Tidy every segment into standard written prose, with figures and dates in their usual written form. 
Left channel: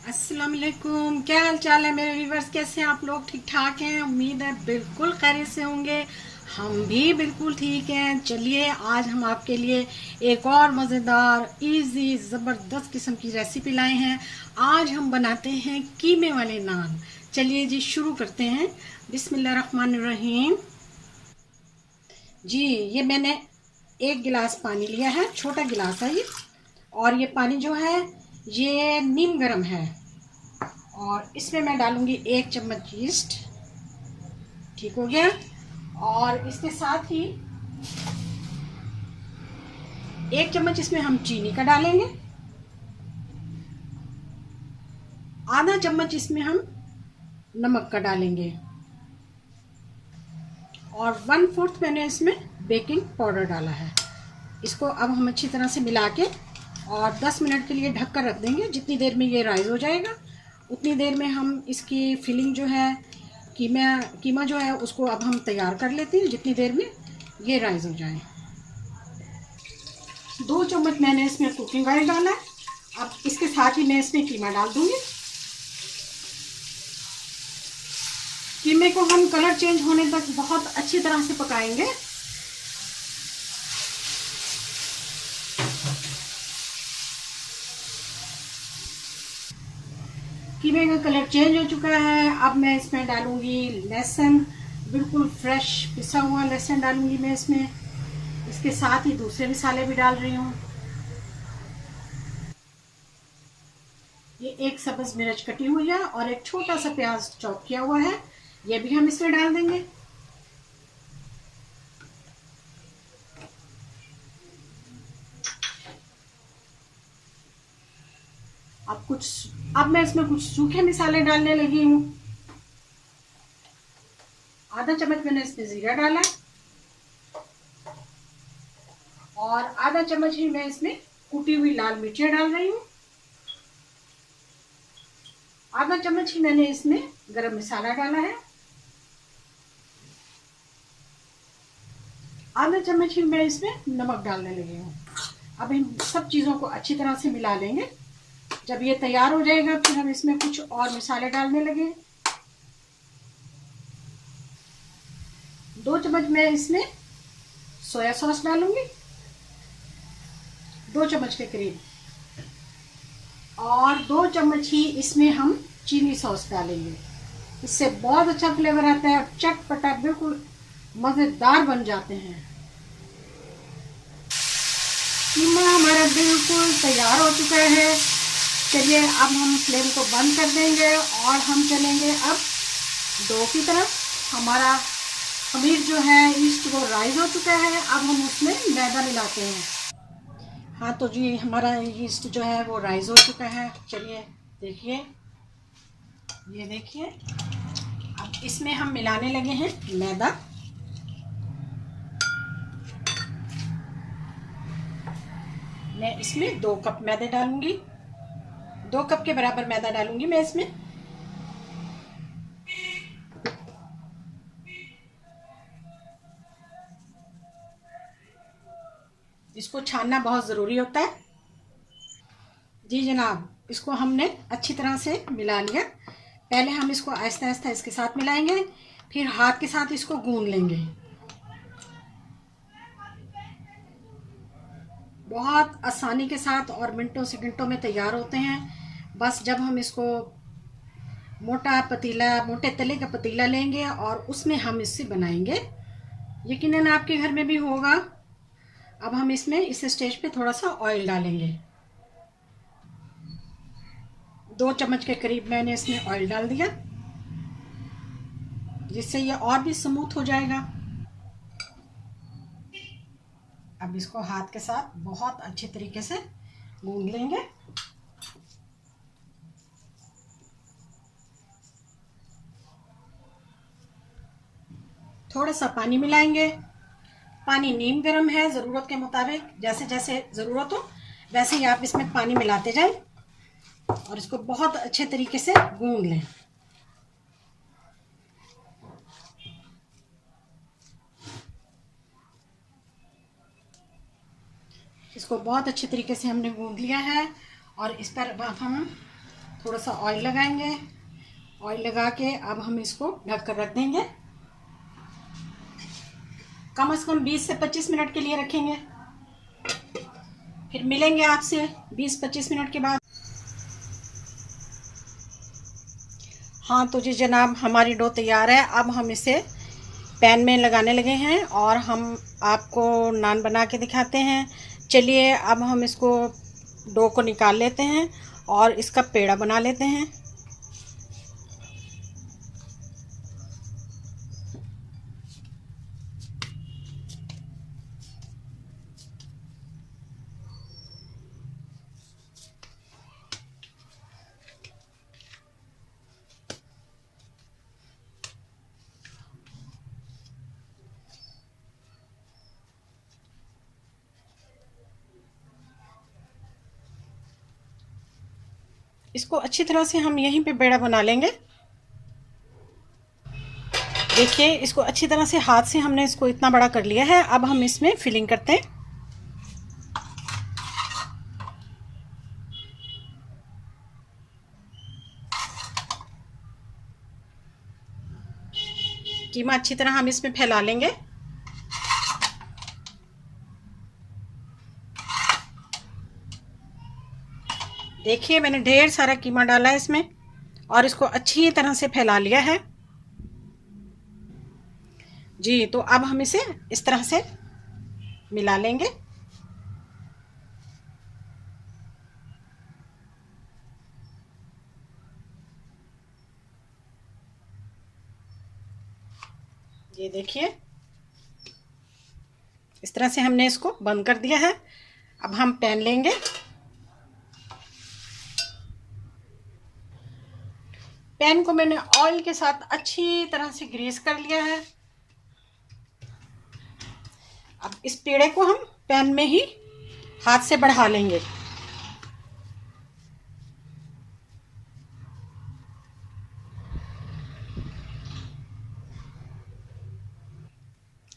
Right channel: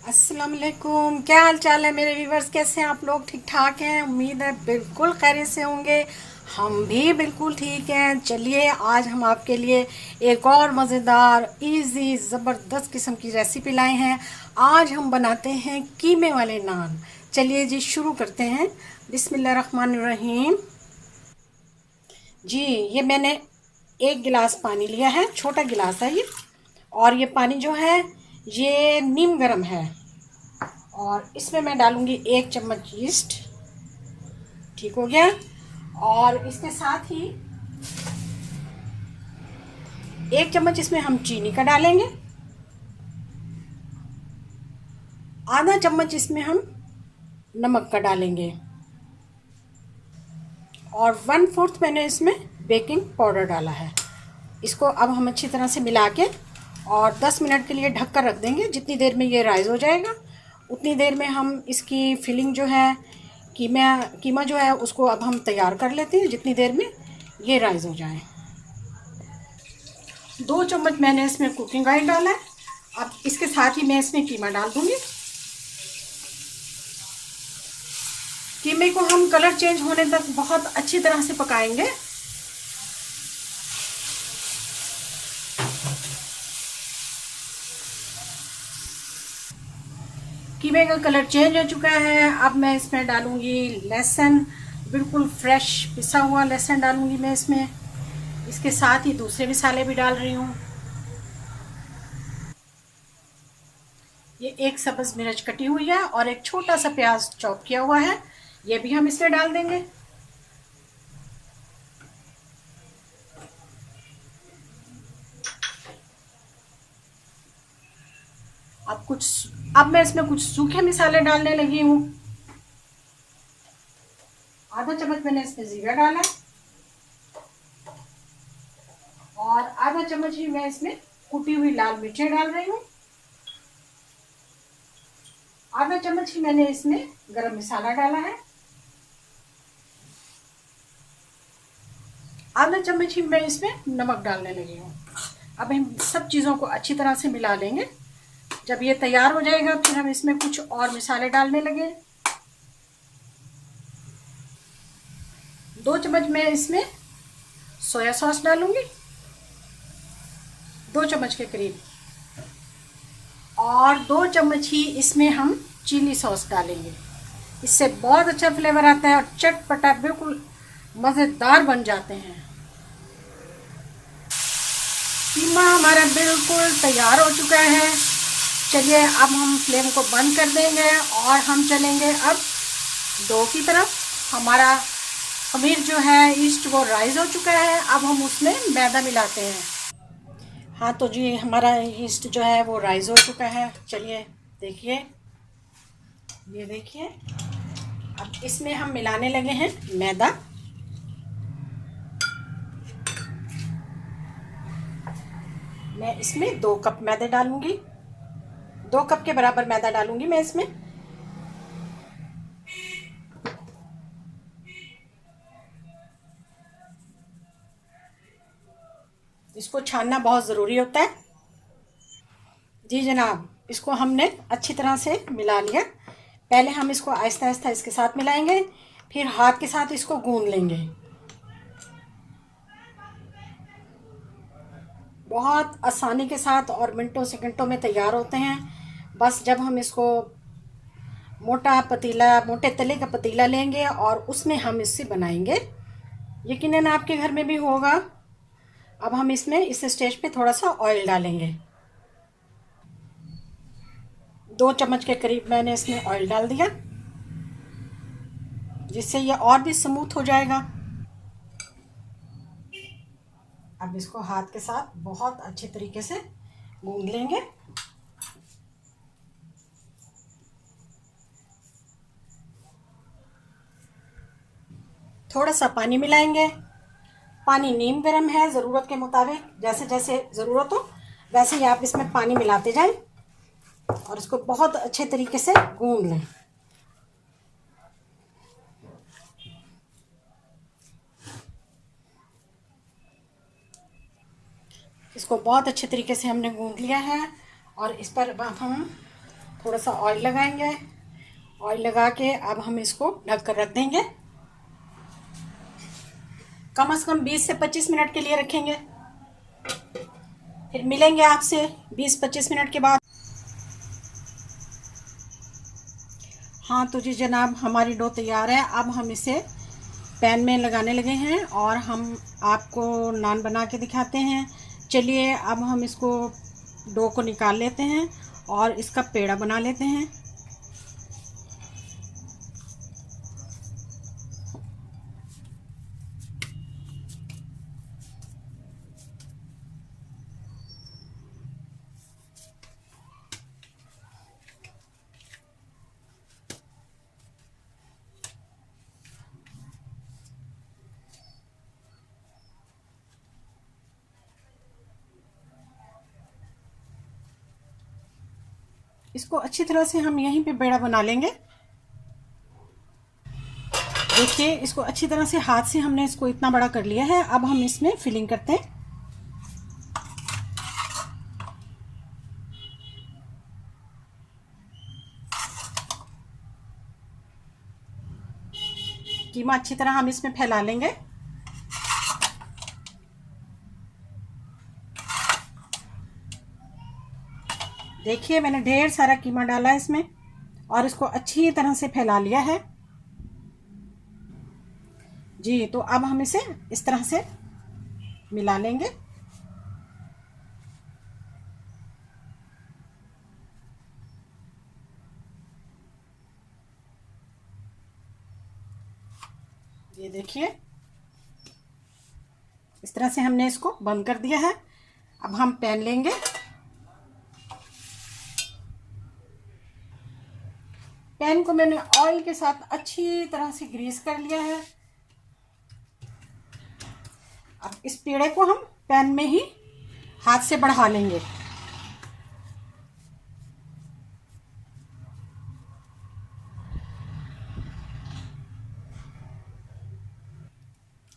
अस्सलाम वालेकुम। क्या हाल चाल है मेरे व्यूवर्स? कैसे हैं आप लोग? ठीक ठाक हैं? उम्मीद है बिल्कुल खैरियत से होंगे। हम भी बिल्कुल ठीक हैं। चलिए आज हम आपके लिए एक और मज़ेदार इजी ज़बरदस्त किस्म की रेसिपी लाए हैं। आज हम बनाते हैं कीमे वाले नान। चलिए जी शुरू करते हैं। बिस्मिल्लाहिर्रहमानिर्रहीम। जी ये मैंने एक गिलास पानी लिया है, छोटा गिलास है ये। और ये पानी जो है ये नीम गर्म है। और इसमें मैं डालूंगी 1 चम्मच ईस्ट। ठीक हो गया। और इसके साथ ही 1 चम्मच इसमें हम चीनी का डालेंगे। आधा चम्मच इसमें हम नमक का डालेंगे। और 1/4 मैंने इसमें बेकिंग पाउडर डाला है। इसको अब हम अच्छी तरह से मिला के और 10 मिनट के लिए ढक कर रख देंगे। जितनी देर में ये राइज हो जाएगा उतनी देर में हम इसकी फिलिंग जो है कीमा जो है उसको अब हम तैयार कर लेते हैं, जितनी देर में ये राइज हो जाए। 2 चम्मच मैंने इसमें कुकिंग ऑयल डाला है। अब इसके साथ ही मैं इसमें कीमा डाल दूंगी। कीमे को हम कलर चेंज होने तक बहुत अच्छी तरह से पकाएंगे। कीमे का कलर चेंज हो चुका है। अब मैं इसमें डालूंगी लहसुन, बिल्कुल फ्रेश पिसा हुआ लहसुन डालूंगी मैं इसमें। इसके साथ ही दूसरे मसाले भी डाल रही हूँ। ये एक सब्ज मिर्च कटी हुई है और एक छोटा सा प्याज चॉप किया हुआ है, ये भी हम इसमें डाल देंगे। अब मैं इसमें कुछ सूखे मसाले डालने लगी हूँ। आधा चम्मच मैंने इसमें जीरा डाला और आधा चम्मच ही मैं इसमें कुटी हुई लाल मिर्चें डाल रही हूँ। आधा चम्मच ही मैंने इसमें गरम मसाला डाला है। आधा चम्मच ही मैं इसमें नमक डालने लगी हूँ। अब इन सब चीज़ों को अच्छी तरह से मिला लेंगे। जब ये तैयार हो जाएगा फिर हम इसमें कुछ और मसाले डालने लगे। 2 चम्मच मैं इसमें सोया सॉस डालूंगी, 2 चम्मच के करीब। और 2 चम्मच ही इसमें हम चिली सॉस डालेंगे। इससे बहुत अच्छा फ्लेवर आता है और चटपटा बिल्कुल मज़ेदार बन जाते हैं। कीमा हमारा बिल्कुल तैयार हो चुका है। चलिए अब हम फ्लेम को बंद कर देंगे और हम चलेंगे अब डो की तरफ। हमारा खमीर जो है ईस्ट वो राइज हो चुका है। अब हम उसमें मैदा मिलाते हैं। हाँ तो जी हमारा ईस्ट जो है वो राइज हो चुका है। चलिए देखिए, ये देखिए। अब इसमें हम मिलाने लगे हैं मैदा। मैं इसमें 2 कप मैदे डालूंगी, 2 कप के बराबर मैदा डालूंगी मैं इसमें। इसको छानना बहुत ज़रूरी होता है। जी जनाब, इसको हमने अच्छी तरह से मिला लिया। पहले हम इसको आहिस्ता आहिस्ता इसके साथ मिलाएंगे, फिर हाथ के साथ इसको गूंद लेंगे। बहुत आसानी के साथ और मिनटों सेकंडों में तैयार होते हैं। बस जब हम इसको मोटे तले का पतीला लेंगे और उसमें हम इससे बनाएंगे। यकीनन आपके घर में भी होगा। अब हम इसमें इस स्टेज पे थोड़ा सा ऑयल डालेंगे। 2 चम्मच के करीब मैंने इसमें ऑयल डाल दिया, जिससे ये और भी स्मूथ हो जाएगा। अब इसको हाथ के साथ बहुत अच्छे तरीके से गूंद लेंगे। थोड़ा सा पानी मिलाएंगे। पानी नीम गर्म है, ज़रूरत के मुताबिक जैसे जैसे ज़रूरत हो वैसे ही आप इसमें पानी मिलाते जाएं और इसको बहुत अच्छे तरीके से गूंद लें। इसको बहुत अच्छे तरीके से हमने गूंद लिया है और इस पर अब हम थोड़ा सा ऑयल लगाएंगे। ऑयल लगा के अब हम इसको ढक कर रख देंगे। कम से कम 20 से 25 मिनट के लिए रखेंगे। फिर मिलेंगे आपसे 20-25 मिनट के बाद। हाँ तो जी जनाब, हमारी डो तैयार है। अब हम इसे पैन में लगाने लगे हैं और हम आपको नान बना के दिखाते हैं। चलिए अब हम इसको डो को निकाल लेते हैं और इसका पेड़ा बना लेते हैं। इसको अच्छी तरह से हम यहीं पे पेड़ा बना लेंगे। देखिए इसको अच्छी तरह से हाथ से हमने इसको इतना बड़ा कर लिया है। अब हम इसमें फिलिंग करते हैं। कीमा अच्छी तरह हम इसमें फैला लेंगे। देखिए मैंने ढेर सारा कीमा डाला है इसमें और इसको अच्छी तरह से फैला लिया है जी। तो अब हम इसे इस तरह से मिला लेंगे। ये देखिए इस तरह से हमने इसको बंद कर दिया है। अब हम पैन लेंगे। पैन को मैंने ऑयल के साथ अच्छी तरह से ग्रीस कर लिया है। अब इस पेड़े को हम पैन में ही हाथ से बढ़ा लेंगे।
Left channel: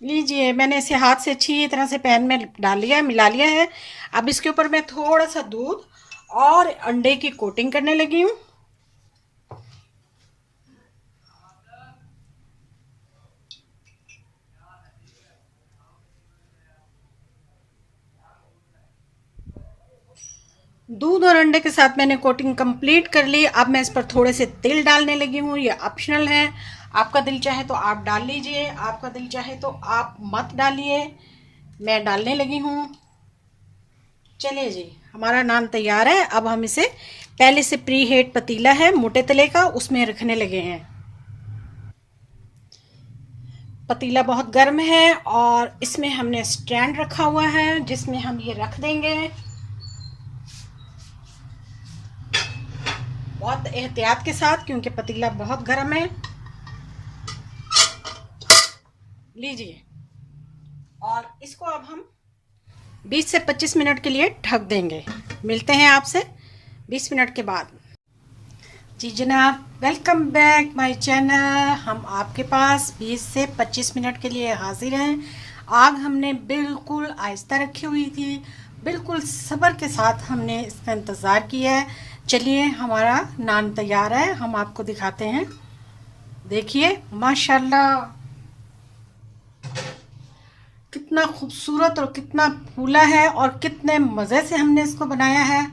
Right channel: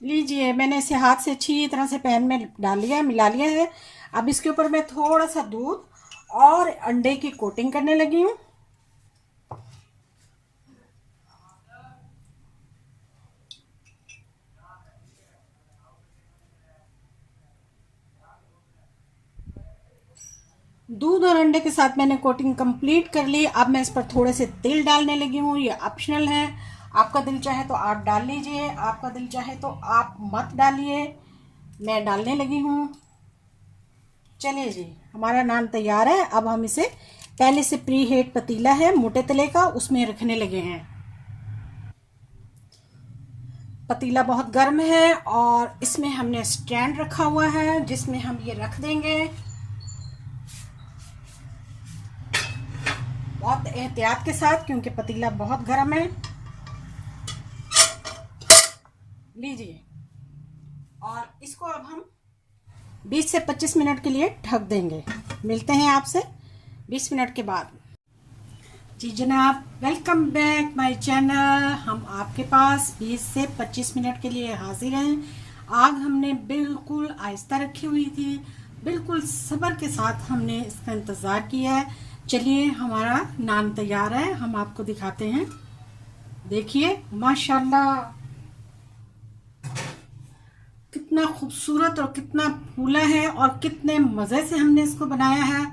लीजिए मैंने इसे हाथ से अच्छी तरह से पैन में डाल लिया है, मिला लिया है। अब इसके ऊपर मैं थोड़ा सा दूध और अंडे की कोटिंग करने लगी हूँ। दूध और अंडे के साथ मैंने कोटिंग कंप्लीट कर ली। अब मैं इस पर थोड़े से तिल डालने लगी हूँ। ये ऑप्शनल है, आपका दिल चाहे तो आप डाल लीजिए, आपका दिल चाहे तो आप मत डालिए। मैं डालने लगी हूँ। चलिए जी हमारा नान तैयार है। अब हम इसे पहले से प्री हीट पतीला है मोटे तले का, उसमें रखने लगे हैं। पतीला बहुत गर्म है और इसमें हमने स्टैंड रखा हुआ है जिसमें हम ये रख देंगे। बहुत एहतियात के साथ क्योंकि पतीला बहुत गर्म है। लीजिए और इसको अब हम 20 से 25 मिनट के लिए ढक देंगे। मिलते हैं आपसे 20 मिनट के बाद। जी जनाब, वेलकम बैक माय चैनल। हम आपके पास 20 से 25 मिनट के लिए हाजिर हैं। आग हमने बिल्कुल आहिस्ता रखी हुई थी, बिल्कुल सब्र के साथ हमने इसका इंतज़ार किया है। चलिए हमारा नान तैयार है, हम आपको दिखाते हैं। देखिए माशाल्लाह कितना खूबसूरत और कितना फूला है और कितने मज़े से हमने इसको बनाया है।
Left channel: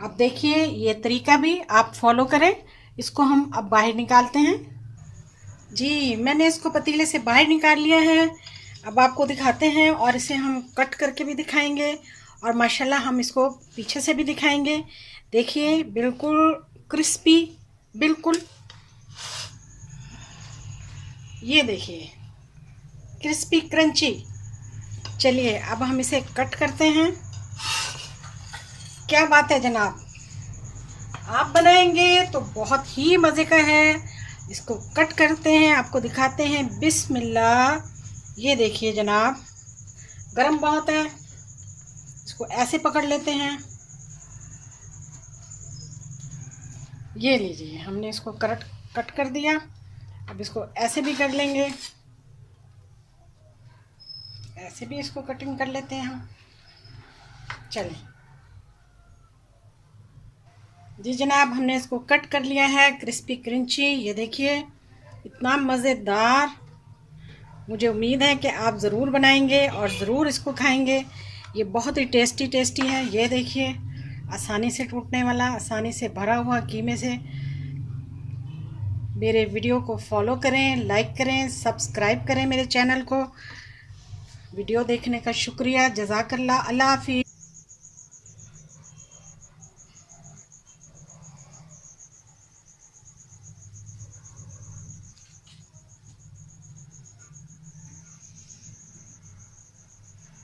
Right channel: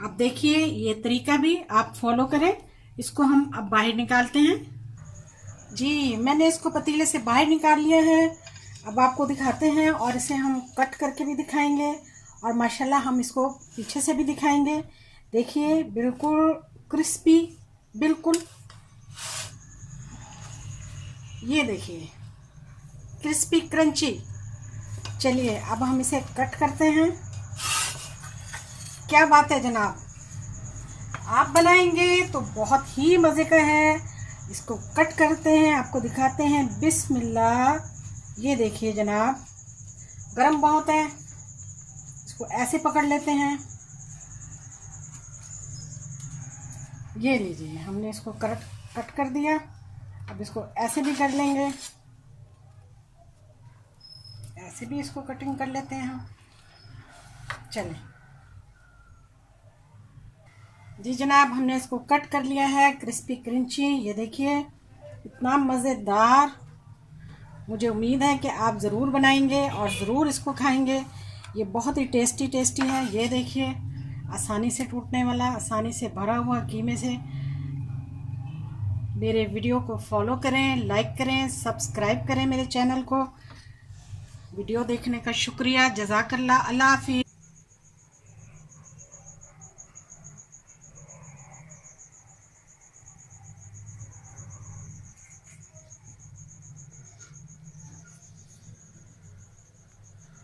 अब देखिए ये तरीका भी आप फॉलो करें। इसको हम अब बाहर निकालते हैं। जी मैंने इसको पतीले से बाहर निकाल लिया है। अब आपको दिखाते हैं और इसे हम कट करके भी दिखाएंगे और माशाल्लाह हम इसको पीछे से भी दिखाएंगे। देखिए बिल्कुल क्रिस्पी, बिल्कुल ये देखिए क्रिस्पी क्रंची। चलिए अब हम इसे कट करते हैं। क्या बात है जनाब, आप बनाएंगे तो बहुत ही मज़े का है। इसको कट करते हैं, आपको दिखाते हैं। बिस्मिल्लाह। ये देखिए जनाब गरम बहुत है, इसको ऐसे पकड़ लेते हैं। ये लीजिए हमने इसको कट कर दिया। अब इसको ऐसे भी कर लेंगे, ऐसे भी इसको कटिंग कर लेते हैं हम। चलिए जी जनाब, हमने इसको कट कर लिया है क्रिस्पी क्रंची। ये देखिए इतना मज़ेदार। मुझे उम्मीद है कि आप ज़रूर बनाएंगे और ज़रूर इसको खाएंगे। ये बहुत ही टेस्टी है। ये देखिए आसानी से टूटने वाला, आसानी से भरा हुआ कीमे से। मेरे वीडियो को फॉलो करें, लाइक करें, सब्सक्राइब करें मेरे चैनल को। वीडियो देखने का शुक्रिया। जज़ाकल्लाह। अल्लाह हाफिज़।